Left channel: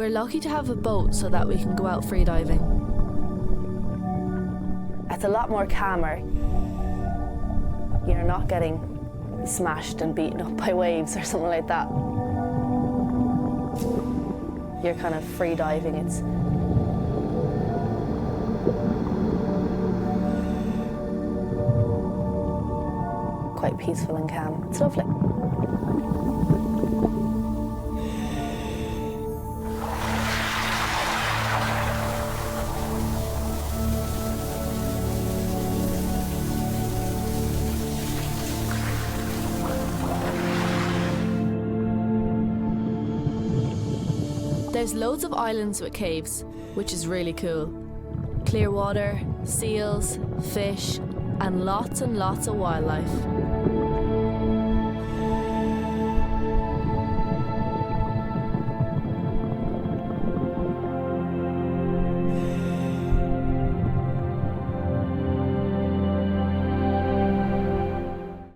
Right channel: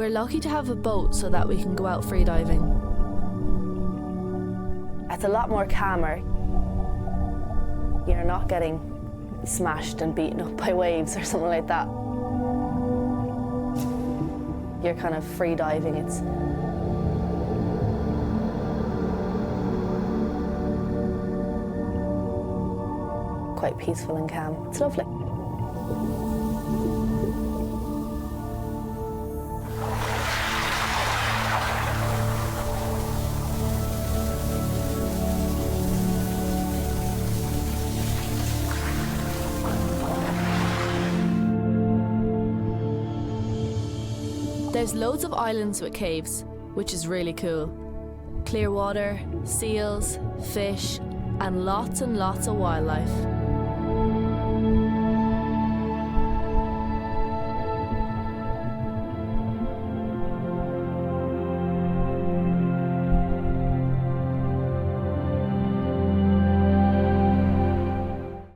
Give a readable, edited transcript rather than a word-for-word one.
We're lucky to have a boat so that we can go out freediving. It's a lot more calmer. You're not getting smashed and beaten up by waves or something like that. You're kind of freediving. It's quite peaceful and calm. It's lovely. There's loads of islands with caves, which is really cool. Clear water, seals, fish, and lots of wildlife.